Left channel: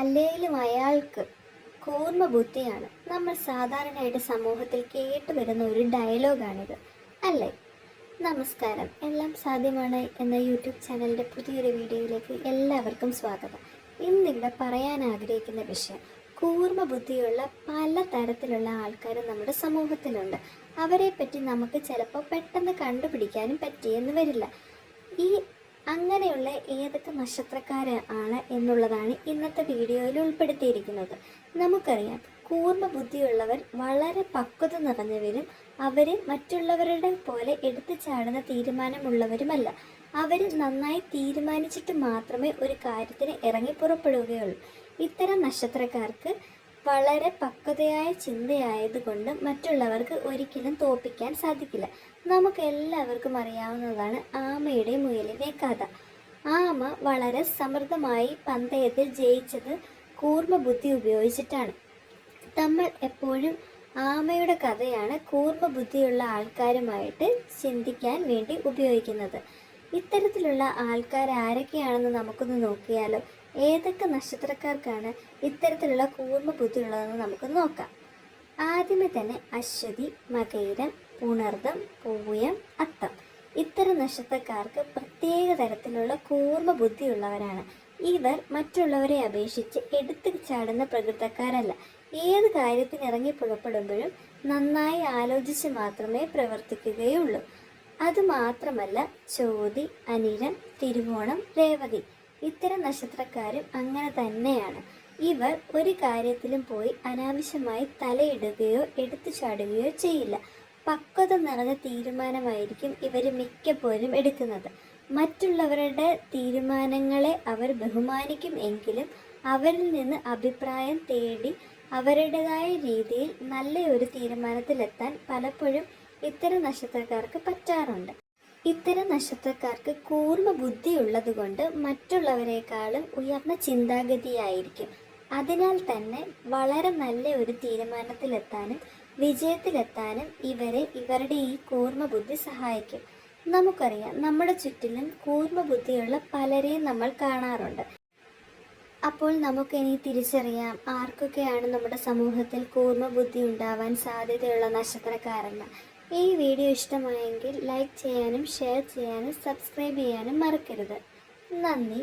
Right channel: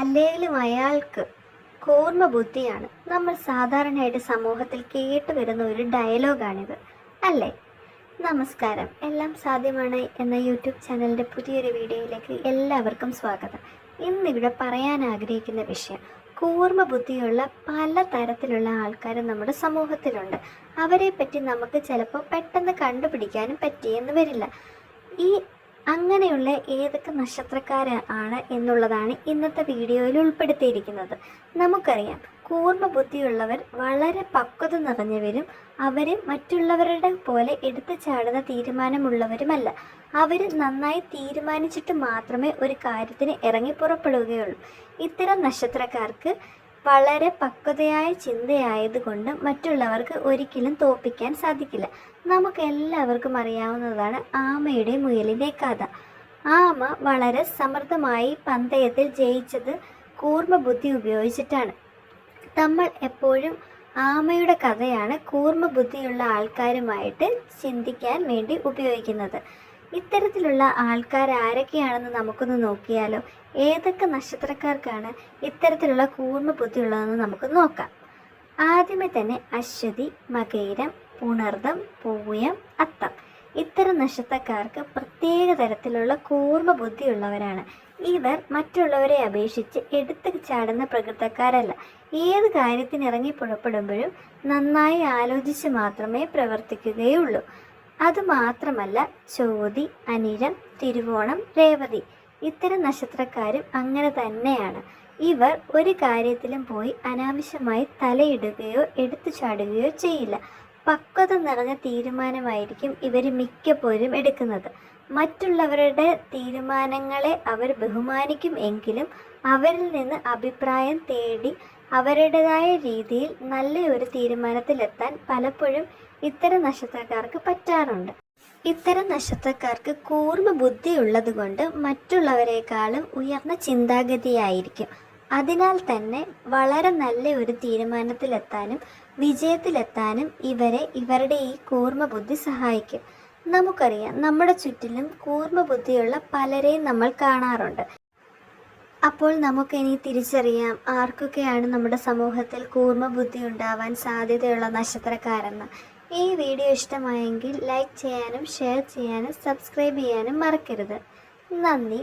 അല്ലെങ്കിലും അയാൾക്ക് കൂർമ്മ ബുദ്ധിയാണ്. നമ്മൾ സാധാരണയായിട്ട് സമൂഹത്തിൽ കേട്ടുവരുന്ന ഒരു ഡയലോഗാണിത്, അല്ലേ? നമസ്കാരം, എല്ലാം സാധ്യമാണ് എന്ന യൂട്യൂബ് ചാനലിൻ്റെ പുതിയൊരു വീഡിയോയിലേക്ക് എല്ലാവർക്കും സ്വാഗതം. ഇന്നിവിടെ പറയാൻ ആഗ്രഹിക്കുന്ന വിഷയം, കൂർമ്മ ബുദ്ധിയുള്ള പല തരത്തിലുള്ള ആൾക്കാർ നമ്മുടെ സമൂഹത്തിലുണ്ട്. അവരെ പറ്റി നമുക്ക് ചിലപ്പോൾ പെട്ടെന്ന് കണ്ടുപിടിക്കാനും പറ്റിയെന്ന് വരില്ല. ഈ അങ്ങനെയുള്ള ഏതൊക്കെ നക്ഷത്രക്കാരാണ് എന്നുള്ളതാണ് ഇന്നത്തെ വീഡിയോയിൽ ഉൾപ്പെടുത്തിയിരിക്കുന്നത്. നമുക്കറിയാം, കൂർമ്മ ബുദ്ധിയുള്ളവർ വളരെ പക്വത നിറഞ്ഞവരും അവർ മറ്റുള്ളവരുടെ പോലെ എടുത്തു ചാടുന്ന തീരുമാനമുള്ളവരുമല്ല. അവർ നന്നായി തീരുമാനിച്ചിട്ട് മാത്രമേ ഒരു കാര്യത്തിന് ഇറങ്ങി പുറപ്പെടുകയുള്ളൂ. ഇത്തരം നക്ഷത്രക്കാർക്ക് വളരെ പക്വതയായ ചിന്തയായതുകൊണ്ട് മറ്റുള്ളവർക്ക് ഒരിക്കലും തോൽപ്പിക്കാൻ സാധിക്കില്ല. നമുക്ക് എല്ലാവർക്കും അറിയാവുന്നതാണ് ആമയുടെ മുയലിൻ്റെ കഥ. ആമ വളരെ സമൃദ്ധമായി പന്തയത്തിൽ ജയിച്ചത് കൂർമ്മ ബുദ്ധി ഉപയോഗിച്ചിട്ടാണ്. നമ്മൾ എപ്പോഴും ആമയുടെ കഥയാണ് കൂർമ്മ ബുദ്ധിയുള്ള ആൾക്കാരുമായിട്ട് ചിന്തിക്കാൻ വേണ്ടി ഉപയോഗിക്കുന്നത്. ഇത്തരത്തിലുള്ള ആൾക്കാർ ആരൊക്കെയാണെന്ന് നമുക്കൊന്ന് നോക്കിയാലോ. ഏതൊക്കെ നക്ഷത്രക്കാർക്കാണ് ഇത്തരത്തിലുള്ള കൂർമ്മ ബുദ്ധി ഉള്ളതെന്ന് നമുക്ക് നോക്കാം. ആദ്യമേ തന്നെ അശ്വതി, മകയിരം, പുണർദം, പൂയം, അത്തം. ഇത്തരം നക്ഷത്രക്കാർക്ക് പ്രത്യേക തരത്തിലുള്ള കൂർമ്മ ബുദ്ധിയുള്ളവരാണ്. ഇവർ മറ്റുള്ളവരെ അപേക്ഷിച്ച് എടുത്തു ചാടുന്ന പ്രകൃതക്കാരല്ല. ഏത് കാര്യത്തിന് ഇറങ്ങി പുറപ്പെടുമ്പോഴും നന്നായി ആലോചിച്ച് മാത്രമേ പ്രവർത്തിക്കുകയുള്ളൂ. അതുമാത്രമല്ല, ചോതി, അനിഴം, തിരുവോണം, രേവതി ഇത്തരം നക്ഷത്രക്കാരും അങ്ങനെ തന്നെയാണ്. ഇവർ ഒരു കാര്യത്തിലും പോയി അനാവശ്യമായി തലയിടുകയോ എടുത്തു ചാടുകയോ ചെയ്യില്ല. പക്വത നിറഞ്ഞ തീരുമാനമായിരിക്കും ഇവർ മിക്കപ്പോഴും എടുക്കുന്നത്. മറ്റുള്ളവരുടെ തീരുമാനങ്ങളെ അവർ ബഹുമാനിക്കും എങ്കിലും അവരിൽ നിന്ന് അഭിപ്രായം തേടി അവരുടേതായ രീതിയിൽ നല്ല ഒരു തീരുമാനത്തിലെത്താൻ പലപ്പോഴും ഇത്തരം നക്ഷത്രക്കാർക്ക് പറ്റാറുണ്ട്. ഇത്തരം നക്ഷത്രക്കാർക്ക് കൂർമ്മ ബുദ്ധി ഉള്ളതുകൊണ്ട് മറ്റുള്ളവരെക്കാളും ഉയർന്ന ചിന്താഗതിയായിരിക്കും. അതിനാൽ തന്നെ വളരെ നല്ല ഒരു തീരുമാനത്തിലെത്താനും വിജയത്തിലെത്താനും ഇവരുടെ ഈ കൂർമ്മ ബുദ്ധി സഹായിക്കും. നമുക്കറിയാം, നമ്മുടെ ചുറ്റിലും കൂർമ്മ ബുദ്ധിയുള്ള പലരെയും നമ്മൾ കാണാറുണ്ട്. അപ്പോൾ നമുക്കിനി തിരിച്ചറിയാം ആർക്കൊക്കെയാണ് നമ്മുടെ സമൂഹത്തിൽ കൂർമ്മ ബുദ്ധി ഉണ്ടാവാൻ സാധ്യതയുള്ള നക്ഷത്രക്കാരെന്ന്. ഈ വീഡിയോ ഇഷ്ടമായെങ്കിൽ ലൈക്ക് ചെയ്യാനും ഷെയർ ചെയ്യാനും സബ്സ്ക്രൈബ് ചെയ്യാനും മറക്കരുത്. നന്ദി.